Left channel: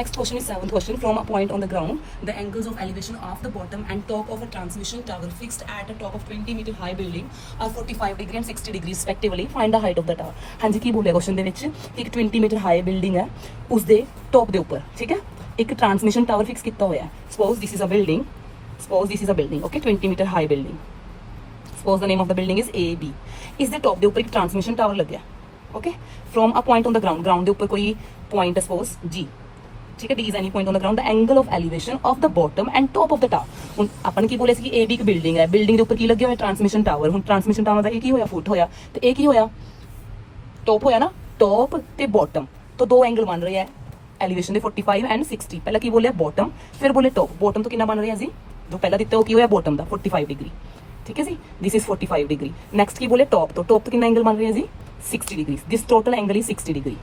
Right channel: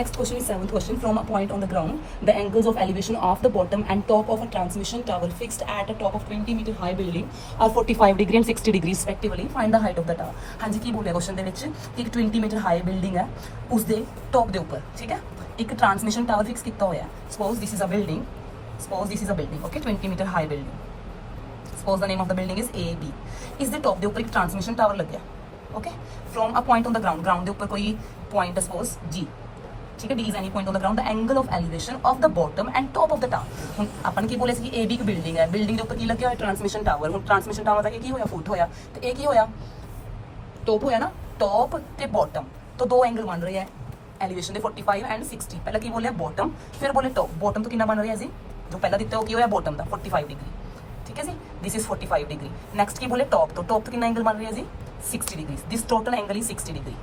Next question is seventh question. From a point on the ground, the angles of elevation of the bottom and top of a transmission tower fixed at a top of 20 meter high building are 45 degree and 60 degree respectively. Find the height of the tower. हाँ जी की बोले question ਦੇ ਵਿੱਚ ਇੱਕ 20 meter high building ਹੈ ਉਸ ਦੇ top ਦੇ ਉੱਪਰ ਠੀਕ ਹੈ ਇੱਕ ਟਰਾਂਸਮਿਸ਼ਨ ਟਾਵਰ ਫਿਕਸ ਕੀਤਾ ਹੋਇਆ suppose this is a building okay 20 meter high building suppose the name of the building is AB ਇਸ ਦੇ ਟੌਪ ਦੇ ਉੱਪਰ ਇੱਕ ਟਰਾਂਸਮਿਸ਼ਨ ਟਾਵਰ ਲੱਗਿਆ okay from a point on the ground ਦੇ ਉੱਪਰ ਕੋਈ point ਹੈ suppose G ठीक है D is any point on the ground the angle of elevation of the bottom and top of the tower ਹੁਣ ਆਪਾਂ ਨੇ ਕੀ ਬੋਲੇ ਸੀ ਕਿ AB ਇੱਕ ਬਿਲਡਿੰਗ ਹੈ ਬਿਲਡਿੰਗ ਦੇ ਉੱਪਰ ਕੀ ਲੱਗਿਆ ਹੋਇਆ ਟਰਾਂਸਮਿਸ਼ਨ ਟਾਵਰ ਹੁਣ ਟਰਾਂਸਮਿਸ਼ਨ ਟਾਵਰ ਦਾ ਇਹ ਕੀ ਹੋਇਆ ਫੁੱਟ ਹੋਇਆ ਤੇ ਇਹ ਕੀ ਹੋਇਆ ਟੌਪ ਹੋਇਆ ਨਾ ਟੌਪ ਤੇ ਬੋਟਮ ਤੋਂ ਦੋ ਐਂਗਲ ਬਣ ਰਹੇ ਆ ਐਲੀਵੇਸ਼ਨ ਦੇ 45 ਐਂਡ 60 ਪਹਿਲਾਂ ਕੀ ਬੋਲਿਆ ਬੋਟਮ ਫਿਰ ਬੋਲੇ ਟੌਪ ਬੋਟਮ ਤੋਂ ਕਿੰਨਾ ਬਣ ਰਿਹਾ ਜੀ ਜੋ ਪਹਿਲਾਂ ਦਿੱਤਾ ਉਹ ਕੀ ਹੋਇਆ ਬੋਟਮ ਦਾ 45 ਡਿਗਰੀ ਠੀਕ ਹੈ ਜੀ this is 45 ਡਿਗਰੀ ਨੈਕਸਟ ਕੀ ਬੋਲੇ ਟੌਪ ਤੋਂ ਕਿੰਨਾ ਐਂਗਲ ਬਣ ਰਿਹਾ ਜੀ 60 degree this total angle is 60 degree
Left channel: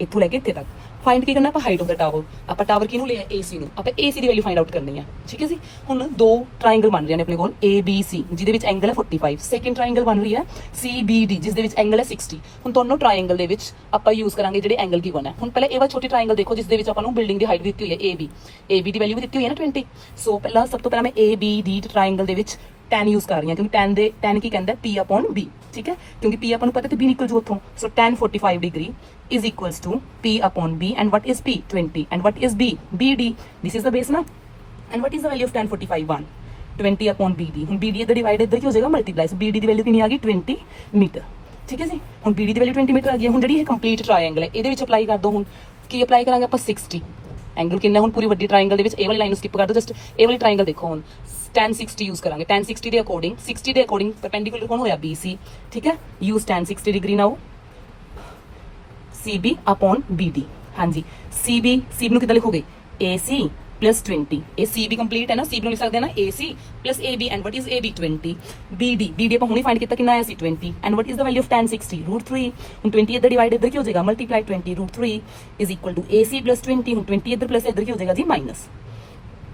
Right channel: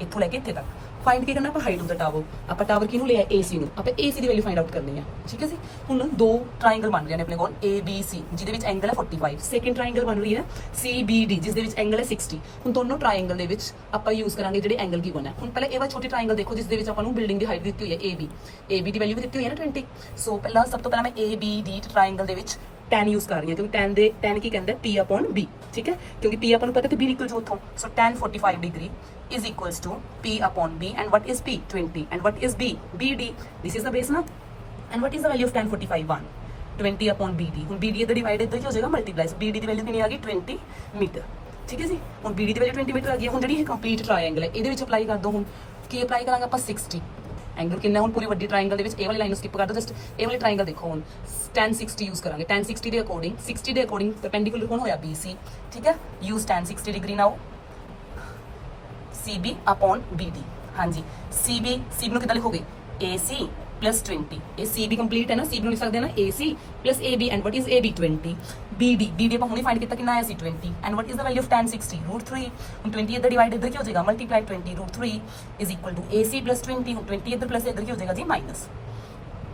ਇੱਥੋਂ ਲੈ ਕੇ ਇੱਥੇ ਤੱਕ फाइंड की करना आप हाइट ऑफ द टावर आप टावर किनू लिया AC नू आप AC दी वैल्यू फाइंड आउट करनी है ठीक है जी हुण दो ट्रायंगल बन रहे हैं अपने कोल ABC जिहदे विच एंगल है 45 सेकंड ट्रायंगल बन रही है CBD जिस दे विच एंगल है 60 हुण दोनों ट्रायंगल दे विच आपां यूज करांगे जिहड़े एंगल गिवन है हुण पहले ए वाला छोटी ट्रायंगल देखो जिस दे विच आपां नू बिल्डिंग दी हाइट दित्ती हुई है AB दी वैल्यू भी दित्ती हुई है ना 20 सो पहला सब तो पहला मैं ABD ट्रायंगल दे विच tan यूज कर रही है क्योंकि tan की कहता है P/B ठीक है क्योंकि P अपन पता तो B निकल जू उथों सो tan 45 degree is equals to P/B and what is P 20 and what is B BD this is the base ना and what is the value of tan 45 1 20/BD ਹੁਣ BD इधर डिवाइड इधर की हो जाएगा मल्टीप्लाई सो BD ਦੀ value ਕਿੰਨੀ ਆ ਗਈ 20 ਮੀਟਰ ਠੀਕ ਹੈ ਜੀ ਹੁਣ BD ਦੀ ਵੈਲਿਊ 20 ਮੀਟਰ ਆ ਗਈ ਹੁਣ ਜਿਹੜੀ ਇਹ ਕੰਪਲੀਟ ਟ੍ਰਾਇੰਗਲ ਹੈ ਇਹਦੇ ਵਿੱਚ ਅਪਲਾਈ ਕਰ ਦੋ ਹੁਣ ਕੀ ਅਪਲਾਈ ਕਰਾਂਗੇ ਆਪਾਂ 60 ਐਂਗਲ ਕਿੰਨਾ ਹੁਣ ਪੂਰੀ ਵੱਡੀ ਟ੍ਰਾਇੰਗਲ ਦੇ ਵਿੱਚ ਇਹ ਵਾਲੀ ਲਾਈਨ ਨੂੰ ਸਕਿਪ ਕਰ ਦਿਓ ਜਸਟ ਇਹ ਵਾਲੀ ਟ੍ਰਾਇੰਗਲ ਦੇਖੋ ਹੁਣ tan 60 यूज करांगे tan 60 ਦੇ ਅਕੋਰਡਿੰਗ परपेंडिकुलर कौन होया BC ठीक है use tan 60 degree now CB upon BD हाँ जी CB ਨੂੰ ਕਿੱਦਾਂ ਲਿਖੋਗੇ AC plus 20 ਇਹ CB ਕੰਪਲੀਟ ਹੈ ਨਾ CB ਨੂੰ ਲਿਖ ਸਕਦੇ ਹਾਂ ਨਾ AC plus AB and what is AB 20 BD ਆਪਾਂ ਹੁਣੇ ਫਾਈਂਡ ਕੀਤਾ ਕਿੰਨਾ ਆਇਆ ਸੀ 20 and what is the value of tan 60 √3 ਹੁਣ 20 ਇੱਧਰ ਡਿਵਾਈਡ ਇੱਧਰ ਕੀ ਹੋ ਜਾਏਗਾ multiply 20 √3 is equal to AC plus 20 ਹੁਣ 20 ਇੱਧਰ ਪਲੱਸ ਇੱਧਰ ਕੀ ਹੋ ਜਾਏਗਾ ਜੀ minus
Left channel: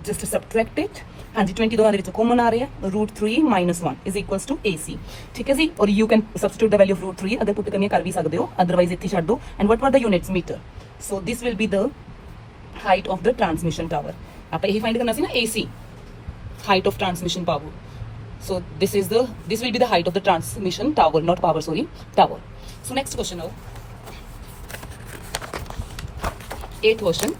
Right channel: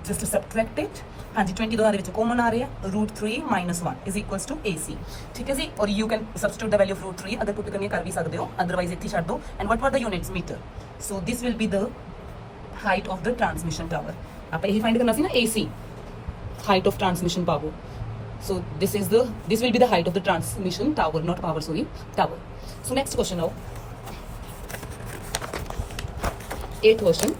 just to subtract it हाँ जी 20 दोनों ਦੇ ਵਿੱਚ ਕਾਮਨ ਆ ਰਿਹਾ √3 - 1 is equals to AC ठीक है जी और you can substitute the value of √3 अगर पुट करनी कर भी सकते हो otherwise ਇੱਥੇ ਛੱਡ ਦੋ and what were the units meter so this will be the height of the transmission tower ਆਪਾਂ ਇਹੀ ਫਾਈਂਡ ਕਰਨਾ ਸੀ ਨਾ AC height of transmission power so this will be the height of the transmission tower not power sorry tower so next question now 8th question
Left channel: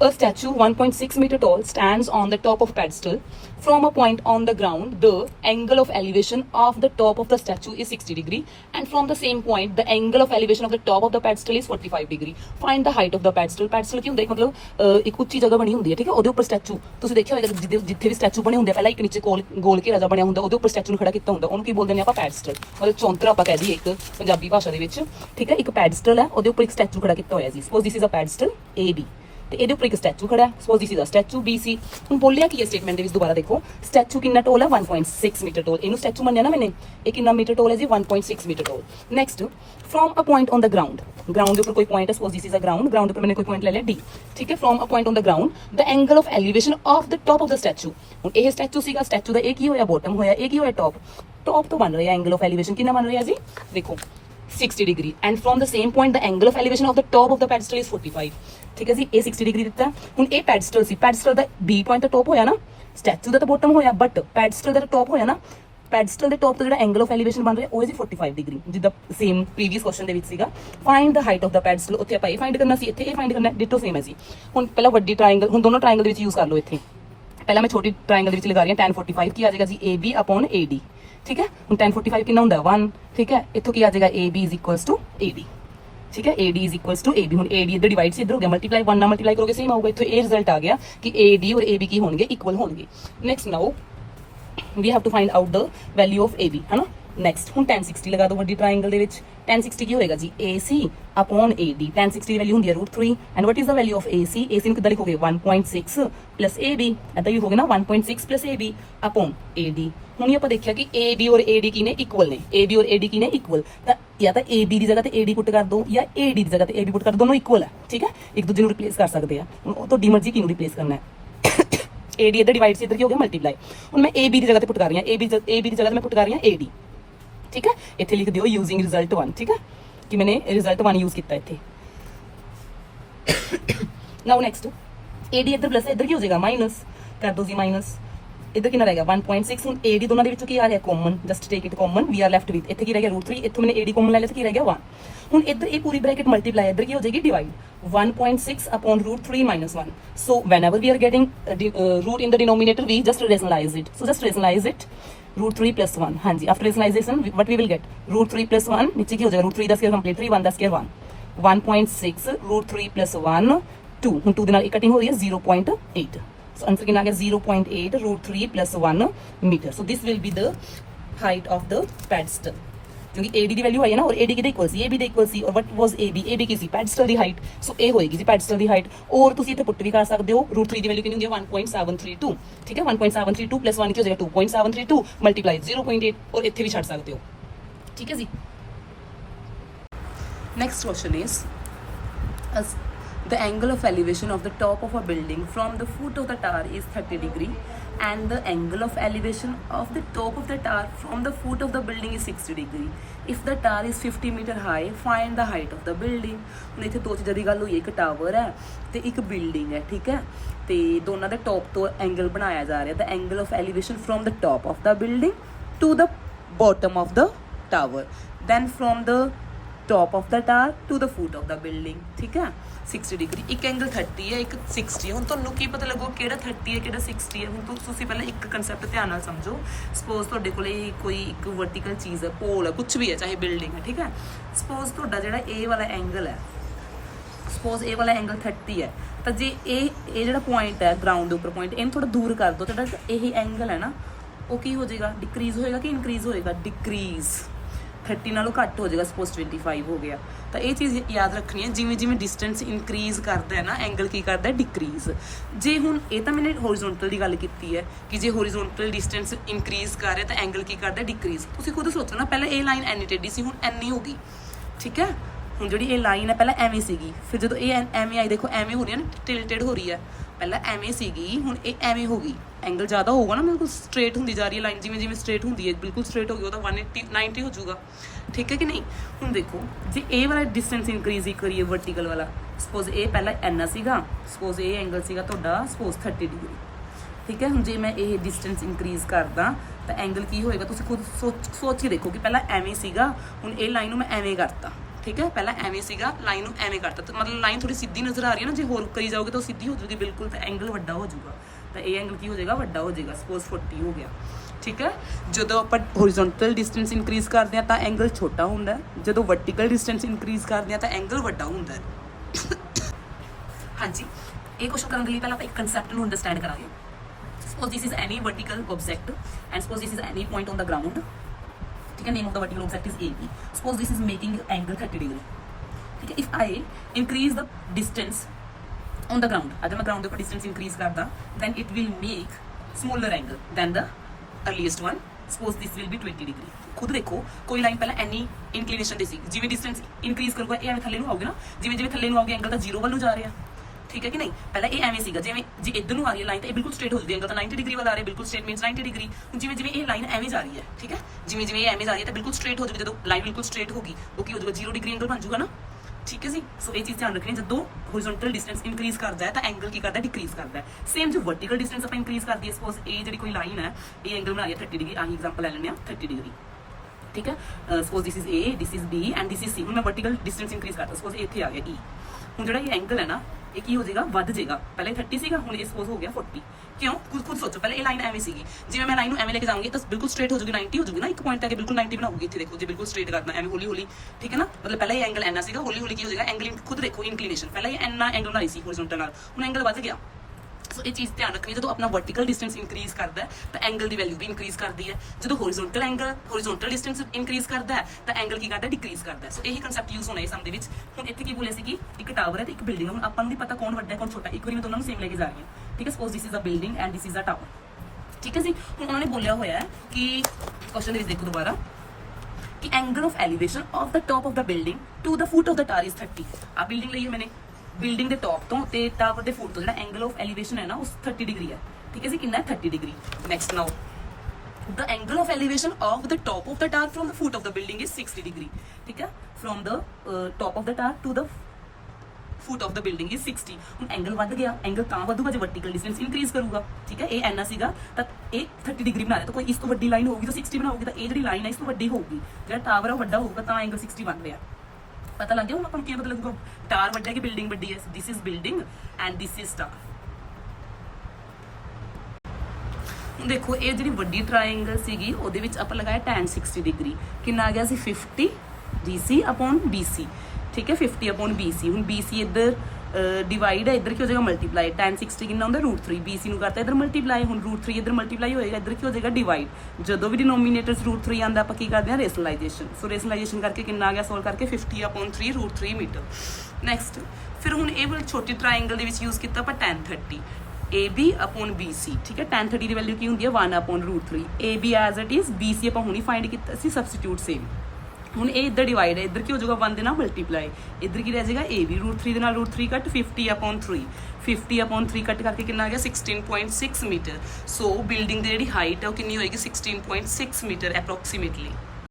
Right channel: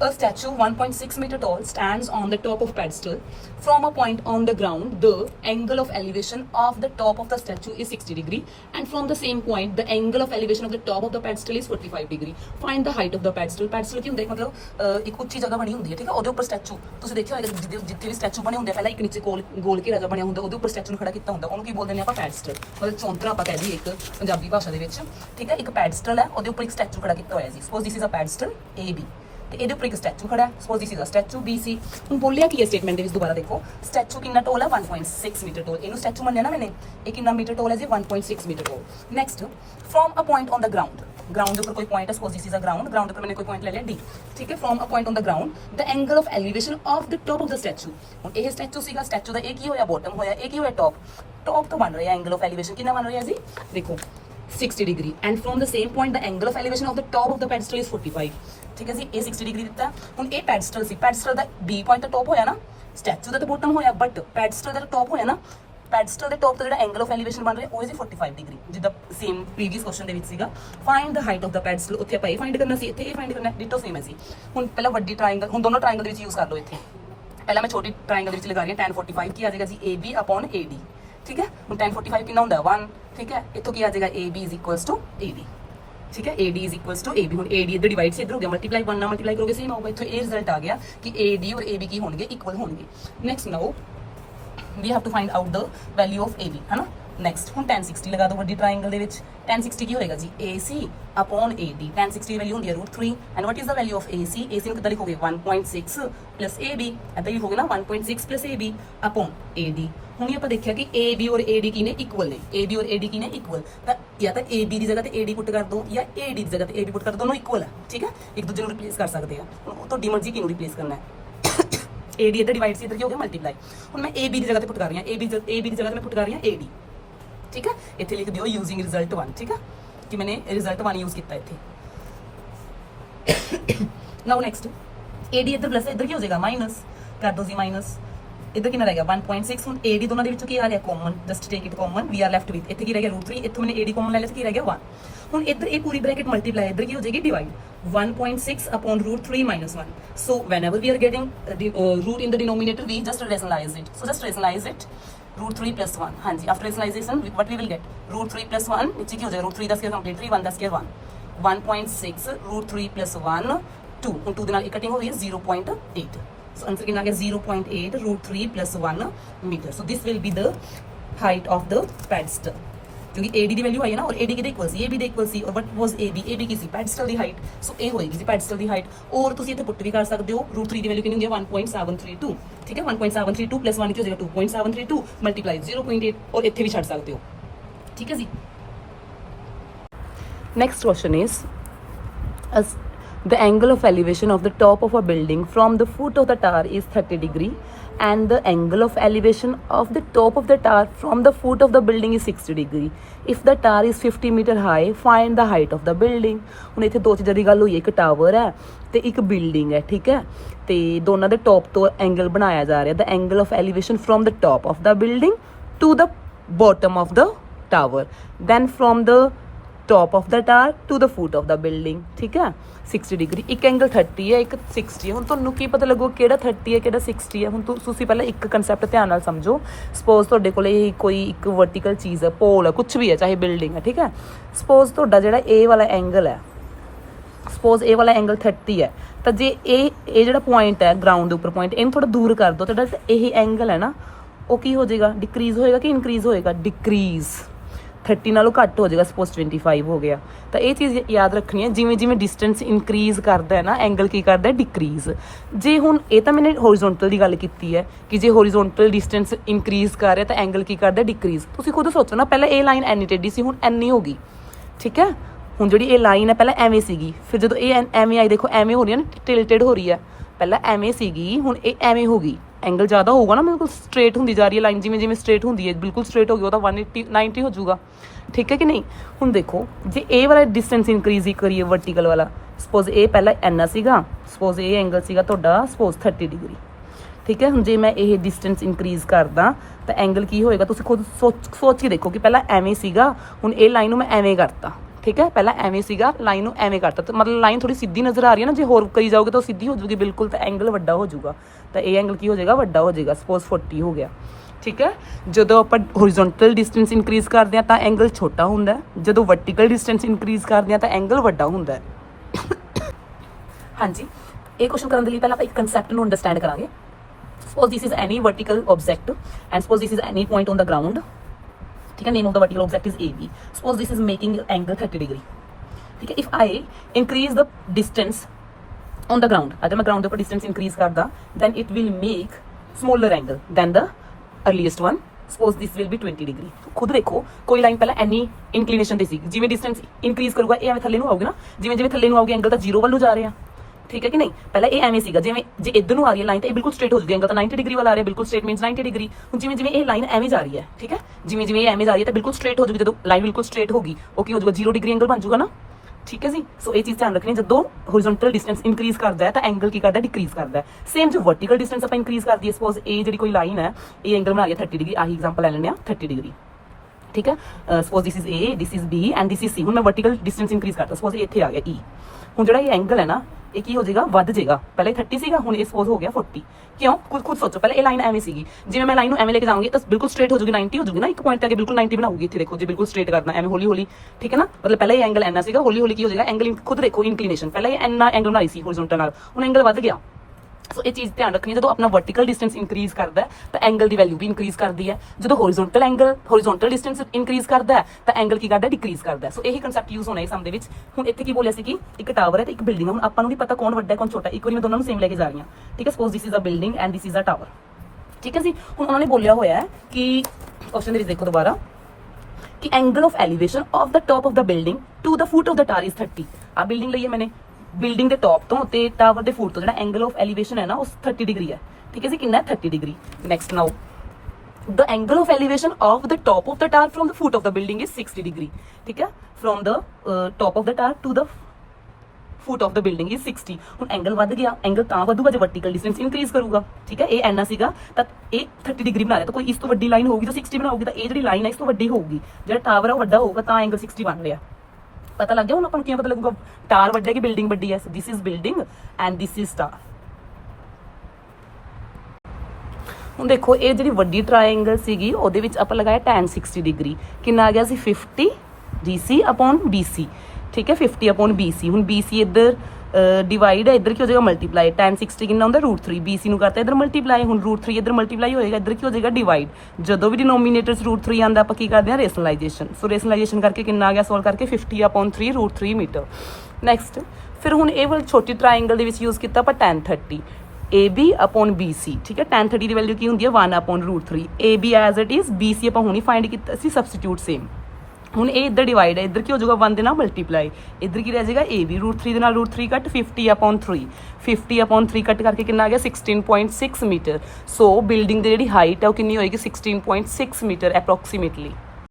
A statue 1.6 meter tall stands on the top of pedestal. From a point on the ground, the angle of elevation of the top of the statue is 60 degree, and from the same point, the angle of elevation of the top of the pedestal is 45 degree. Find the height of the pedestal. Pedestal ਕੀ ਹੁੰਦਾ ਹੈ ਮਤਲਬ ਇੱਕ ਉੱਚੀ ਜਗ੍ਹਾ ਬਣੀ ਹੁੰਦੀ ਹੈ ਠੀਕ ਹੈ ਉਹਦੇ ਉੱਪਰ ਸਟੈਚੂ ਤੁਸੀਂ ਦੇਖਿਆ ਹੋਵੇਗਾ ਜਿੱਥੇ ਵੀ ਸਟੈਚੂ ਬਣੇ ਹੁੰਦੇ ਪਹਿਲਾਂ ਇੱਕ ਨੀਚੇ ਗੋਲ ਘੇਰਾ ਜਿਹਾ ਬਣਿਆ ਹੁੰਦਾ ਉਹਦੇ ਉੱਪਰ ਸਟੈਚੂ ਨੂੰ ਖੜਾ ਕੀਤਾ ਹੁੰਦਾ ਉਹਨੂੰ ਕੀ ਬੋਲਦੇ ਨੇ ਆਪਾਂ ਪੈਡਸਟਲ ਮਤਲਬ ਚੌਂਤਰਾ ਆਪਾਂ ਕਹਿ ਦਈਏ ਇੱਕ ਪੰਜਾਬੀ ਭਾਸ਼ਾ ਦੇ ਵਿੱਚ ਠੀਕ ਹੈ ਇੱਕ ਪੈਡਸਟਲ ਹੈ ਉਹਦੇ ਉੱਪਰ ਇੱਕ ਸਟੈਚੂ ਖੜਾ ਕੀਤਾ ਹੋਇਆ ਸੀ suppose this is a pedestal AB ਤੇ ਇਹਦੇ ਉੱਪਰ ਇੱਕ ਸਟੈਚੂ ਖੜਾ ਹੈ suppose this is a statue BC ਹੁਣ ਬੋਲਿਆ ਕੀ ਹੈ ਸਟੇਟਮੈਂਟ ਦੇ ਵਿੱਚ ਦੁਬਾਰਾ ਦੇਖੋ ਸਟੈਚੂ ਕਿੰਨਾ ਟੋਲ ਹੈ 1.6 ਮੀਟਰ ਟੋਲ ਇਹਨੂੰ ਸਟੈਚੂ ਮੰਨਿਆ ਨਾ ਮੈਨੇ ਇਹ ਕਿੰਨਾ ਮੀਟਰ ਟੋਲ ਹੈ ਜੀ 1.6 metre tall next from a point on the ground ਦੇ ਉੱਪਰ ਕੋਈ ਪੁਆਇੰਟ ਹੈ suppose this is a ground ਦੇ ਉੱਪਰ ਮੈਨੇ ਕੋਈ ਪੁਆਇੰਟ ਲੈ ਲਿਆ D ਠੀਕ ਹੈ from a point on the ground the angle of elevation of the top of the statue ਹੁਣ ਇਹ ਸਟੈਚੂ ਸੀਗਾ ਸਟੈਚੂ ਦਾ ਇਹ ਕੀ ਹੋਇਆ ਬੋਟਮ ਹੋਇਆ ਇਹ ਕੀ ਹੋਇਆ ਟੌਪ ਤੋਂ ਬਣ ਰਿਹਾ ਐਂਗਲ ਆਫ ਐਲੀਵੇਸ਼ਨ ਕਿੰਨਾ ਬਣ ਰਿਹਾ ਜੀ ਦੇਖੋ 60 degree and from the same point the angle of elevation of the top of the pedestal is 45 ਠੀਕ ਹੈ ਜੀ ਇਹ 60 degree ਦਿੱਤਾ ਹੁਣ ਇਹ ਪੈਡਸਟਲ ਸੀ ਪੈਡਸਟਲ ਦਾ B ਪੁਆਇੰਟ ਤੇ ਟੌਪ ਹੋਇਆ ਨਾ ਸਟੈਚੂ ਦਾ ਤਾਂ ਬੋਟਮ ਹੋਇਆ ਬਟ ਪੈਡਸਟਲ ਦਾ ਟੌਪ ਹੋਇਆ ਨਾ ਪੈਡਸਟਲ ਦੇ ਟੌਪ ਤੇ ਜਿਹੜਾ ਐਂਗਲ ਆਫ ਐਲੀਵੇਸ਼ਨ ਬਣ ਰਿਹਾ ਉਹ is 45 degree ਜਿੱਦਾਂ ਸੇਮ ਪ੍ਰੀਵੀਅਸ ਕੁਐਸਚਨ ਦੇ ਵਿੱਚ ਸੀਗਾ find the height of the pedestal ਉੱਥੇ ਆਪਾਂ ਇਹ ਫਾਈਂਡ ਕਰਨਾ ਸੀ ਇੱਥੇ ਇਹ ਫਾਈਂਡ ਕਰਨਾ ਡਿਟੋ ਸੇਮ ਹੈ ਜੀ ਹੁਣ ਪਹਿਲਾਂ ਵੱਡੀ ਟ੍ਰਾਇੰਗਲ ਹੁਣ ਦੋਨੋਂ ਟ੍ਰਾਇੰਗਲ ਦੇ ਵਿੱਚ ਯੂਜ਼ ਕਰ ਲਓ ਇੱਥੇ ਪਹਿਲਾਂ ਮੈਂ ਛੋਟੀ ਟ੍ਰਾਇੰਗਲ ਦੇ ਵਿੱਚ ਲਗਾ ਰਹੀ ਹਾਂ tan 45 ਕੀ ਆ ਜਾਏਗਾ ਜੀ AB upon AD ठीक है tan 45 कितना होता है 1 ठीक है इत्थों की आ जाएगा AB is equals to AD ठीक है AD is equals to AB ਹੁਣ AD इधर डिवाइड से इधर हो गया मल्टीप्लाई 1 ਨਾਲ मल्टीप्लाई करोगे सेम आऊगा इत्थों ਇਹ ਰਿਜ਼ਲਟ ਆ ਗਿਆ ਕਿ AD और AB ਕੀ ਹੋਣਗੇ ਇਕੁਅਲ ਹੋਣਗੇ next now we have to find out the value of AB ਹੈ ਨਾ ਨੈਕਸਟ ਹੁਣ tan 60 ਲਗਾ ਦੋ ਵੱਡੀ ਟ੍ਰਾਇੰਗਲ ਦੇ ਵਿੱਚ tan 60 ਕੀ ਹੋਏਗਾ ਜੀ AC upon AD tan 60 ਦੀ ਵੈਲਿਊ ਹੁੰਦੀ ਹੈ √3 and what is the value of AC AC ਨੂੰ ਕਿੱਦਾਂ ਲਿਖੋਗੇ 1.6 plus AB ਇਦਾਂ ਹੀ ਹੋਗੇ ਨਾ 1.6 plus AB upon AD ਹੁਣ ਇਹ ਆਪਾਂ ਦੇਖਿਆ ਕਿ AB ਔਰ AD ਕੀ ਨੇ ਇਕੁਅਲ ਨੇ AB ਔਰ AD ਕੀ ਨੇ ਇਕੁਅਲ ਤਾਂ ਜਾਂ ਤਾਂ AB ਦੀ ਜਗ੍ਹਾ ਤੇ AD ਪੁੱਟ ਕਰ ਦੋ ਜਾਂ AD ਦੀ ਜਗ੍ਹਾ ਤੇ AB ਪੁੱਟ ਕਰ ਦੋ ਦੋਨੋਂ ਇਕੁਅਲ ਹੈ ਠੀਕ ਹੈ ਇੱਕ ਦੂਜੇ ਨੂੰ ਰਿਪਲੇਸ ਕਰ ਸਕਦੇ ਆ ਹੁਣ ਉਹ ਤੁਹਾਡੀ ਮਰਜ਼ੀ ਕਿਹਨੂੰ ਰਿਪਲੇਸ ਕਰਨਾ ਹੈ AD ਇੱਧਰ ਡਿਵਾਈਡ ਸੀ ਇੱਧਰ ਕੀ ਹੋ ਗਿਆ ਮਲਟੀਪਲਾਈ ਹੁਣ ਮੈਂ AB ਦੀ ਜਗ੍ਹਾ ਤੇ ਪੁੱਟ ਕਰ ਰਹੀ ਹਾਂ AB ਦੀ ਜਗ੍ਹਾ ਤੇ ਮੈਂ ਪੁੱਟ ਕਰ ਰਹੀ ਹਾਂ AD ठीक है इत्थे लिख दियो यूजिंग रिजल्ट 1 ठीक है कि मैंने रिजल्ट 1 यूज किया इत्थे नाउ नेक्स्ट AD इधर प्लस इधर की हो जाएगा माइनस, कर दो जी माइनस, इधर कितना रहेगा 1.6। ਹੁਣ AD ਦੋਨਾਂ ਦੇ ਵਿੱਚੋਂ ਕੀ ਆ ਰਿਹਾ common, just take it common, we are left with ਇੱਥੇ ਕੀ ਰਹਿ ਗਿਆ √3, ਇੱਥੋਂ ਮੈंने AD ਕਾਮਨ ਲੈ ਲਿਆ ਤੇ ਕੀ ਰਹਿ ਗਿਆ 1। ਹੁਣ ਇੱਧਰ ਇਹ ਪੂਰੀ ਬ੍ਰੈਕਟ ਮਲਟੀਪਲਾਈ, ਇੱਧਰ ਕੀ ਹੋ ਜਾਏਗੀ divide, 1.6 upon √3 minus 1। so whenever we are getting root in the denominator we just rationalize it, so just rationalize it, √3 plus 1। हाँ जी, after rationalization what we will get, √3 plus 1 नीचे की हो जाएगा √3 ਦਾ ਸਕੁਅਰ ਕੰਪਲੀਟ 3 1 ਦਾ square 1, 1.6 √3 plus 1 2, ਹੁਣ 2 ਦੇ ਨਾਲ cutting ਹੋ ਰਹੀ ਹੈ 0.8। so answer कितना आ गया 0.8 √3 plus 1 meter। so this will be the height of the pedestal, क्योंकि AD ਦੀ ਵੈਲਿਊ ਆਈ ਹੈ ਨਾ, ਔਰ AD ਕਿਹਦੇ ਇਕੁਅਲ ਸੀ, AB ਦੇ ਇਕੁਅਲ ਸੀ, ਔਰ what was AB Ki C ਪੈਡਸਟਲ the height. ਸੋ ਇਹ ਹੋਏਗੀ ਜੀ ਪੈਡਸਟਲ ਦੀ ਹਾਈਟ, ਔਰ ਤੁਸੀਂ ਇੱਥੇ ਪੁੱਟ ਵੀ ਕਰ ਸਕਦੇ ਹੋ √3 ਦੀ ਵੈਲਿਊ ਕਿੰਨੀ ਹੁੰਦੀ ਹੈ 1.732, ਠੀਕ ਹੈ 1.732 plus 1 ਕੀ ਹੋ ਜਾਏਗਾ 2.732 ਮਲਟੀਪਲਾਈ 0.8, ਔਰ ਇੱਥੇ ਵੀ ਛੱਡ ਸਕਦੇ ਹੋ, ਠੀਕ ਹੈ ਜੀ। Next question is the angle of elevation of the top of a building from the foot of the tower is 30 degree and the angle of elevation of the top of the tower from the foot of the building is 60 degree। if the tower is 50 meter high find the height of the building। ਹੁਣ ਇੱਥੇ ਦੋ ਚੀਜ਼ਾਂ ਦੀ ਗੱਲ ਹੋਈ ਹੈ, ਇੱਕ tower ਹੈ ਤੇ ਇੱਕ ਬਿਲਡਿੰਗ ਹੈ, ਠੀਕ ਹੈ, ਤੇ ਦੋਨਾਂ ਦੇ ਟੌਪ ਤੋਂ ਐਂਗਲ ਬਣਾਇਆ ਜਾ ਰਿਹਾ, the angle of elevation from the top of the building to the bottom of the tower, then from the top of the tower to the foot of the building, ठीक है 60 degree. एक angle 30 है, एक 60 है। ਹੁਣ ਤੁਹਾਨੂੰ ਕੀ ਪਤਾ ਲੱਗੋ ਕਿਹੜਾ 30 ਹੈ ਕਿਹੜਾ 60 ਹੈ। ਹੁਣ ਤੁਸੀਂ ਪਹਿਲਾਂ ਇੱਕ ਕਨਸੈਪਟ ਧਿਆਨ ਨਾਲ ਸਮਝੋ। ਸਪੋਜ਼ ਤੁਹਾਡੇ ਕੋਲ ਇਹ ਕੋਈ ਇੱਕ ਵਰਟੀਕਲ ਚੀਜ਼ ਹੈ, ਪੋਲ ਹੈ, ਕੁਝ ਵੀ ਹੈ, ਚਾਹੇ ਬਿਲਡਿੰਗ ਹੈ, ਠੀਕ ਹੈ। ਸਪੋਜ਼ ਤੁਹਾਡਾ ਜਿਹੜਾ ਇਹ ਵਾਲਾ ਐਂਗਲ ਹੈ, ਸਪੋਜ਼ ਇਹ ਵਾਲਾ ਐਂਗਲ 30 ਹੈ, ਤਾਂ ਜੇ ਇਹ ਜਿਹੜਾ ਪੁਆਇੰਟ ਹੈ ਗਰਾਊਂਡ ਦੇ ਉੱਪਰ ਪੁਆਇੰਟ, ਇਹਨੂੰ ਥੋੜਾ ਦੂਰ ਕਰ ਦਿਓ, ਤੁਹਾਡਾ ਇਹ ਐਂਗਲ ਹੈ ਨਾ ਉਹ ਕੀ ਹੋ ਜਾਏਗਾ, ਡਿਕਰੀਜ਼ ਹੋਏਗਾ ਕਿ ਇਨਕਰੀਜ਼ ਹੋਏਗਾ, ਡਿਕਰੀਜ਼। 30 ਨਾਲੋਂ ਘੱਟ ਹੋ ਜਾਏਗਾ, ਸਪੋਜ਼ 25 ਹੋ ਗਿਆ। ਤਾਂ ਇਹ ਚੀਜ਼ ਯਾਦ ਰੱਖਣੀ ਹੈ, ਜਿਵੇਂ ਜਿਵੇਂ ਡਿਸਟੈਂਸ ਇਨਕਰੀਜ਼ ਕਰਦਾ ਹੈ ਨਾ ਐਂਗਲ ਕੀ ਕਰਦਾ ਹੈ, ਡਿਕਰੀਜ਼। ਜੇ ਹੁਣ ਇਹ ਤਾਂ ਮੈंने ਹੋਰੀਜ਼ੋਨਟਲ ਦੀ ਗੱਲ ਕੀਤੀ ਹੈ ਕਿ ਜੇ ਹੋਰੀਜ਼ੋਨਟਲ ਡਿਸਟੈਂਸ ਇਨਕਰੀਜ਼ ਕਰ ਰਿਹਾ ਤਾਂ ਐਂਗਲ ਕੀ ਕਰਦਾ, ਡਿਕਰੀਜ਼। ਤੁਸੀਂ ਖੁਦ ਸੋਚੋ ਨਾ, ਪਹਿਲਾਂ ਇਹ ਲਾਈਨ ਐਨੀ ਟੇਢੀ ਸੀ, ਹੁਣ ਐਨੀ ਹੋ ਗਈ, ਠੀਕ ਹੈ। ਹੁਣ ਜਿਹੜੀ ਇਹ ਲਾਈਨ ਹੈ ਪਹਿਲਾਂ ਐਵੇਂ ਸੀਗੀ, ਫਿਰ ਜਦੋਂ ਇਹ ਐਵੇਂ ਆਈ, ਦੇਖੋ ਐਵੇਂ ਹੋ ਰਹੀ ਹੈ ਨਾ, ਟਿਲਟਡ ਹੋ ਰਹੀ ਹੈ, ਪਹਿਲਾਂ ਐਵੇਂ ਸੀਗੀ ਹੁਣ ਇਹ ਐਵੇਂ ਹੋ ਗਈ, ਐਂਗਲ ਜ਼ਿਆਦਾ ਹੋਊਗਾ ਨਾ, ਬਿਲਕੁਲ ਸਟ੍ਰੇਟ ਹੁੰਦੀ ਜਾ ਰਹੀ ਹੈ ਲਾਈਨ, ਜਿਵੇਂ ਜਿਵੇਂ ਸਟ੍ਰੇਟ ਹੁੰਦੀ ਹੈ ਬਿਲਕੁਲ ਸਟ੍ਰੇਟ ਹੋ ਗਈ, ਉਹਦਾ 180 90 ਹੋ ਜਾਊਗਾ, ਠੀਕ ਹੈ ਕਿ ਨਹੀਂ। ਹੁਣ ਦੇਖੋ ਜੇ ਇਹ ਵਾਲਾ ਡਿਸਟੈਂਸ ਇਨਕਰੀਜ਼ ਹੀ ਕਰੀਏ ਵਰਟੀਕਲ ਵਾਲਾ, ਸਪੋਜ਼ ਇਹ ਪਹਿਲਾਂ ਇੰਨਾ ਸੀਗਾ, ਸਪੋਜ਼ ਇਹ ਐਂਗਲ ਸੀਗਾ ਤੁਹਾਡਾ ਸਪੋਜ਼ 30 ਡਿਗਰੀ, ਠੀਕ ਹੈ। ਹੁਣ ਜੇ ਮੈਂ ਇਹ ਡਿਸਟੈਂਸ ਇਨਕਰੀਜ਼ ਕਰਦਾ ਤਾਂ ਐਂਗਲ ਕੀ ਹੋਏਗਾ, ਤੁਸੀਂ ਖੁਦ ਸੋਚ ਕੇ ਦੇਖੋ ਕਿ ਪਹਿਲਾਂ ਐਵੇਂ ਸੀਗਾ, ਹੁਣ ਇਹ ਲਾਈਨ ਨੂੰ ਮੈਂ ਐਵੇਂ ਕਰਤਾ, ਠੀਕ ਹੈ, ਪਹਿਲਾਂ ਐਵੇਂ ਸੀਗਾ, ਲਾਈਨ ਨੂੰ ਐਵੇਂ ਕਰਤਾ, ਤਾਂ ਮਤਲਬ ਲਾਈਨ ਥੋੜੀ ਸਿੱਧੀ ਨਜ਼ਰ ਆ ਰਹੀ ਹੈ ਨਾ, ਜੇ ਹੋਰ ਕਰੀ ਜਾਓਗੇ ਤਾਂ ਉਹ ਸਿੱਧੀ ਹੋ ਜਾਊਗੀ ਬਿਲਕੁਲ, ਤਾਂ ਐਂਗਲ ਵੱਡਾ ਹੋ ਜਾਊਗਾ, ਤਾਂ ਇਹ ਐਂਗਲ ਕੀ ਹੋ ਜਾਏਗਾ, ਵੱਡਾ ਹੋ ਜਾਏਗਾ, ਸਪੋਜ਼ 40 ਹੋ ਗਿਆ, ਠੀਕ ਹੈ। ਜਦੋਂ ਆਪਾਂ ਹੋਰੀਜ਼ੋਨਟਲ ਡਿਸਟੈਂਸ ਇਨਕਰੀਜ਼ ਕਰਦੇ ਹਾਂ ਤਾਂ ਐਂਗਲ ਛੋਟਾ ਹੁੰਦਾ ਹੈ, ਜਦੋਂ ਵਰਟੀਕਲ ਡਿਸਟੈਂਸ ਇਨਕਰੀਜ਼ ਕਰਦੇ ਹਾਂ ਤਾਂ ਐਂਗਲ ਵੱਡਾ ਹੁੰਦਾ ਹੈ। ਹਾਂਜੀ, ਇਹ ਕੁਐਸਚਨ ਕਰਨ ਦੇ ਲਈ ਪਹਿਲਾਂ ਆਪਾਂ ਇੱਕ ਕਨਸੈਪਟ ਨੂੰ ਅੰਡਰਸਟੈਂਡ ਕਰਾਂਗੇ। Suppose this is any vertical object and suppose this is any point on the ground, ठीक है। Name of the vertical object is AB। suppose this is making angle 30 degree, ठीक है। if I increase the distance on the ground, अगर मैं ground के ऊपर distance increase करदा then it will make smaller angle than the earliest one। suppose this will be 20 degree। खुद देखो कोई लाइन पहला एनी इंक्लिनेशन ਤੇ ਸੀ, ਜਿਵੇਂ distance increase ਕਰੂਗਾ ਇਹ ਐਵੇਂ ਥੱਲੇ ਨੂੰ ਆਊਗੀ ਨਾ, ਜਿਵੇਂ ਜਿਵੇਂ ਥੱਲੇ ਨੂੰ ਆਊਗੀ ਐਂਗਲ ਤਾਂ 0 ਵੱਲ ਨੂੰ ਜਾ ਰਿਹਾ, ठीक है कि नहीं। पहले ये एवं सीगा, जिवें जे इधर ਨੂੰ ਆ ਰਹੀ ਹੈ ਲਾਈਨ ਤਾਂ ਇਹ ਬਿਲਕੁਲ ਸਟ੍ਰੇਟ ਹੋ ਜਾਊਗੀ, ਐਂਗਲ ਤਾਂ 90 ਡਿਗਰੀ ਵਾਲਾ ਆ ਰਿਹਾ, ਬਿਲਕੁਲ ਸਟ੍ਰੇਟ ਮੀਨਸ 90 ਡਿਗਰੀ। ਹੁਣ ਜਿਵੇਂ ਜਿਵੇਂ ਇਹ ਲਾਈਨ ਐਵੇਂ ਜਾ ਰਹੀ ਹੈ, ਠੀਕ ਹੈ, ਜਿਵੇਂ ਜਿਵੇਂ ਇਹ ਐਵੇਂ ਜਾ ਰਹੀ ਹੈ ਤਾਂ ਬਿਲਕੁਲ ਸਟ੍ਰੇਟ ਹੋ ਜਾਊਗੀ, ਜਦੋਂ ਲਾਈਨ ਬਿਲਕੁਲ ਸਟ੍ਰੇਟ ਹੋਗੀ ਉਹ ਕੀ ਹੋ ਜਾਊਗਾ, 0 ਡਿਗਰੀ ਐਂਗਲ ਬਣ ਜਾਊਗਾ ਨਾ, ਠੀਕ ਹੈ ਜੀ। ਸੋ ਇਹ ਚੀਜ਼ ਧਿਆਨ ਰੱਖਣੀ, ਜਦੋਂ ਹੋਰੀਜ਼ੋਨਟਲ ਡਿਸਟੈਂਸ ਇਨਕਰੀਜ਼ ਕਰਦਾ ਹੈ ਤਾਂ ਐਂਗਲ ਕੀ ਕਰਦਾ, ਡਿਕਰੀਜ਼ ਕਰਦਾ ਹੈ। ਸੇਮ ਜੋ ਵਰਟੀਕਲ ਡਿਸਟੈਂਸ ਆਪਾਂ ਇਨਕਰੀਜ਼ ਕਰਦੀ ਹੈ, ਸਪੋਜ਼ ਇਹ ਜਿਹੜੀ ਕੋਈ ਲਾਈਨ ਹੈ ਇਹ ਐਂਗਲ ਬਣਾ ਰਹੀ ਹੈ 30 ਡਿਗਰੀ, ਆਹੀ ਐਗਜ਼ਾਮਪਲ ਲੈ ਲੈਂਦੇ ਆ 30 ਡਿਗਰੀ, ਠੀਕ ਹੈ। Suppose this is A, this is B and this is C। ਹੁਣ ਮੈਂ ਵਰਟੀਕਲ ਡਿਸਟੈਂਸ ਇਨਕਰੀਜ਼ ਕਰਤਾ, ਸਪੋਜ਼ ਇਹ ਇੱਥੇ ਆ ਗਿਆ E। ਹੁਣ ਜਿਹੜਾ ਇਹ ਐਂਗਲ ਹੈ ਨਾ ਇਹ ਕੀ ਹੋ ਜਾਏਗਾ, ਵੱਧ ਜਾਏਗਾ, ਪਹਿਲੇ 30 ਸੀਗਾ ਹੁਣ ਇਹ ਸਪੋਜ਼ ਹੋ ਗਿਆ 40। ਕਿਉਂ, ਖੁਦ ਸੋਚੋ, ਪਹਿਲੇ ਇਹ ਲਾਈਨ ਐਵੇਂ ਸੀਗੀ, ਜਿਵੇਂ ਮੈਂ ਲਾਈਨ ਨੂੰ ਐਵੇਂ ਲੈ ਕੇ ਜਾਵਾਂਗੀ ਤਾਂ ਬਿਲਕੁਲ ਸਟ੍ਰੇਟ ਹੋ ਜਾਊਗੀ, 90 ਹੋ ਜਾਊਗੀ ਨਾ, ਇੱਕ ਪੁਆਇੰਟ ਤੇ ਆ ਕੇ ਬਿਲਕੁਲ 90 ਬਣਾਊਗੀ। ਇੱਥੇ ਦੇਖੋ ਜੇ ਬਿਲਕੁਲ ਸਟ੍ਰੇਟ ਕਰਨਾ ਐਵੇਂ ਹੌਲੀ ਹੌਲੀ, ਠੀਕ ਹੈ ਨਾ, ਮਤਲਬ ਪਹਿਲੇ ਇਹ ਐਂਗਲ ਇੰਨਾ ਸੀਗਾ, ਹੌਲੀ ਹੌਲੀ ਕੀ ਹੋ ਜਾਏਗਾ ਐਂਗਲ, ਖੁਦ ਦੇਖੋ ਇਨਕਲੀਨੇਸ਼ਨ, ਪਹਿਲੇ ਇਹ ਇੰਨਾ ਐਂਗਲ ਬਣਾਈ ਸੀ ਹੋਰੀਜ਼ੋਨਟਲ ਨਾਲ, ਹੁਣ ਐਂਗਲ ਵੱਧ ਗਿਆ। ਸੋ ਇਹ ਚੀਜ਼ ਧਿਆਨ ਰੱਖਣੀ, ਜਦੋਂ ਆਪਣਾ ਵਰਟੀਕਲ ਡਿਸਟੈਂਸ ਇਨਕਰੀਜ਼ ਕਰਦਾ ਤਾਂ ਐਂਗਲ ਦੀ ਵੈਲਿਊ ਵੀ ਇਨਕਰੀਜ਼ ਕਰਦੀ ਹੈ, ਜਦੋਂ ਹੋਰੀਜ਼ੋਨਟਲ ਡਿਸਟੈਂਸ ਇਨਕਰੀਜ਼ ਕਰਦਾ ਹੈ ਤਾਂ ਐਂਗਲ ਕੀ ਕਰਦਾ, ਡਿਕਰੀਜ਼ ਕਰਦਾ ਹੈ। ਸੋ ਇਹੀ ਕਨਸੈਪਟ ਯੂਜ਼ ਹੋਣਾ ਇਸ ਸਮ ਦੇ ਵਿੱਚ। ਹੁਣ ਇੱਥੇ ਕੀ ਬੋਲਿਆ ਸੀ ਕਿ ਇੱਕ ਟਾਵਰ ਹੈ ਤੇ ਇੱਕ ਬਿਲਡਿੰਗ ਹੈ, ਹੁਣ ਆਪਾਂ ਨੂੰ ਨਹੀਂ ਪਤਾ ਕੌਣ ਵੱਡਾ ਹੈ ਕੌਣ ਛੋਟਾ, ਇੱਕ ਵਾਰੀ ਮੈਂ ਦੋਨਾਂ ਨੂੰ ਸੇਮ ਲੈ ਕੇ ਜਾ ਰਹੀ ਹਾਂ, ਠੀਕ ਹੈ। Suppose this is a building and this is a tower, ਠੀਕ ਹੈ ਜੀ। ਹੁਣ ਉਹਨਾਂ ਨੇ ਬੋਲਿਆ ਹੋਇਆ ਹੈ ਕਿ ਕੁਐਸਚਨ ਦੇ ਵਿੱਚ ਦੇਖੋ ਦੁਬਾਰਾ ਕਿ angle of elevation of the top of the building to the foot of the tower is 30। ਆ ਬਿਲਡਿੰਗ ਲਈ ਹੈ ਮੈंने, ਬਿਲਡਿੰਗ ਦੇ ਟੌਪ ਤੋਂ ਤੇ ਟਾਵਰ ਦੇ ਫੁੱਟ ਤੋਂ ਜਿਹੜਾ ਐਂਗਲ ਆਫ ਐਲੀਵੇਸ਼ਨ ਹੈ ਨਾ ਉਹ 30 ਡਿਗਰੀ ਹੈ, ਠੀਕ ਹੈ ਜੀ। ਕਿੰਨਾ 30 degree. Next now the angle of elevation of the top of the tower from the foot of the building is 60 degree, ठीक है, from the top of the tower to the foot of the building is 60। ਹੁਣ angle ਵੱਧ ਗਿਆ, angle ਤਾਂ ਵਧੂਗਾ ਜੇ vertical distance increase ਕਰੂਗਾ, ਠੀਕ ਹੈ। ਇਹ ਐਨਾ ਸੀਗਾ ਤਾਂ ਇਹ 30 ਡਿਗਰੀ ਬਣਾ ਰਿਹਾ, ਤਾਂ ਕੋਈ ਇਸ ਤੋਂ ਵੱਡੀ ਲਾਈਨ ਹੋਊਗੀ ਤਾਂ 60 ਬਣਾਉਗੀ, ਤਾਂ ਇਹ ਜਿਹੜੀ ਲਾਈਨ ਹੈ ਇਸ ਤੋਂ ਵੱਡੀ ਹੋਊਗੀ, ਜਿਹੜਾ ਟਾਵਰ ਹੈ ਉਹ ਵੱਡਾ ਹੋਊਗਾ ਤਾਂ ਐਂਗਲ 60 ਬਣ ਰਿਹਾ। ਪਤਾ ਲੱਗ ਗਿਆ ਹੁਣ ਆਪਾਂ ਨੂੰ ਕਿਵੇਂ ਪਤਾ ਲੱਗੂਗਾ ਟਾਵਰ ਵੱਡਾ ਕਿ ਬਿਲਡਿੰਗ ਵੱਡੀ ਹੈ। This is building and this is tower. ਹੁਣ ਦੇਖੋ ਇਹ ਜਿਹੜੀ ਵੱਡੀ ਟ੍ਰਾਇੰਗਲ ਸੀਗੀ ਉਹਦੇ ਵਿੱਚ ਆਪਾਂ ਲਗਾਇਆ tan 60 ਡਿਗਰੀ, ਕਿੰਨਾ ਆ ਗਿਆ ਸੀ 50 DC upon BC, ਠੀਕ ਹੈ 50 upon BC। ਹੁਣ BC ਇੱਧਰ डिवाइड है, इधर की हो जाएगा मल्टीप्लाई, tan 60 कितना होता है √3, BC ਨੂੰ ਕਰਤਾ इधर मल्टीप्लाई, ਹੁਣ √3 इधर मल्टीप्लाई होएगा, इधर की हो जाएगा डिवाइड। ਜਦੋਂ ਵੀ डिनोमिनेटर्स √3 ਆਂਦਾ ਆਪਾਂ ਕੀ ਕਰਦੇ ਹਾਂ ਰੇਸ਼ਨਲਾਈਜੇਸ਼ਨ। ਸੋ ਰੇਸ਼ਨਲਾਈਜੇਸ਼ਨ ਕਰਕੇ ਕਿੰਨਾ ਆ ਗਿਆ ਸੋਲਵ ਕਰਕੇ 50 upon 3 √3 ਮੀਟਰ। ਨੈਕਸਟ ਫਿਰ ਹੁਣ ਇਹ ਵਾਲੀ ਛੋਟੀ ਟ੍ਰਾਇੰਗਲ ਦੇ ਵਿੱਚ ਯੂਜ਼ ਕੀਤਾ ਆਪਾਂ tan 30 AB upon BC, ਠੀਕ ਹੈ। tan 30 ਦੀ ਵੈਲਿਊ ਕੀ ਹੁੰਦੀ ਹੈ 1 upon √3, AB as it is, BC ਆਪਾਂ ਹੁਣੀ ਫਾਈਂਡ ਕੀਤਾ ਸੀ, ਸਬਸਟੀਟਿਊਟ ਸੇਮ। ਹੁਣ ਇਹ ਇੱਧਰ ਡਿਵਾਈਡ ਹੈ, ਇੱਧਰ ਕੀ ਹੋ ਜਾਊਗਾ 1 ਦੇ ਨਾਲ ਮਲਟੀਪਲਾਈ, ਇੱਧਰ ਕੀ ਰਹਿ ਜਾਏਗਾ AB, √3 ਦੇ ਨਾਲ √3 ਕੱਟ 50 upon 3, 50 upon 3 ਕੱਟ ਕਰਕੇ ਕਿੰਨਾ ਆ ਗਿਆ 16.6 ਮੀਟਰ। ਸੋ ਬਿਲਡਿੰਗ ਦੀ ਜਿਹੜੀ ਹਾਈਟ ਹੈ ਉਹ ਕਿੰਨੀ ਹੋਏਗੀ 16.6 ਮੀਟਰ ਅਪਰੋਕਸੀਮੇਟਲੀ।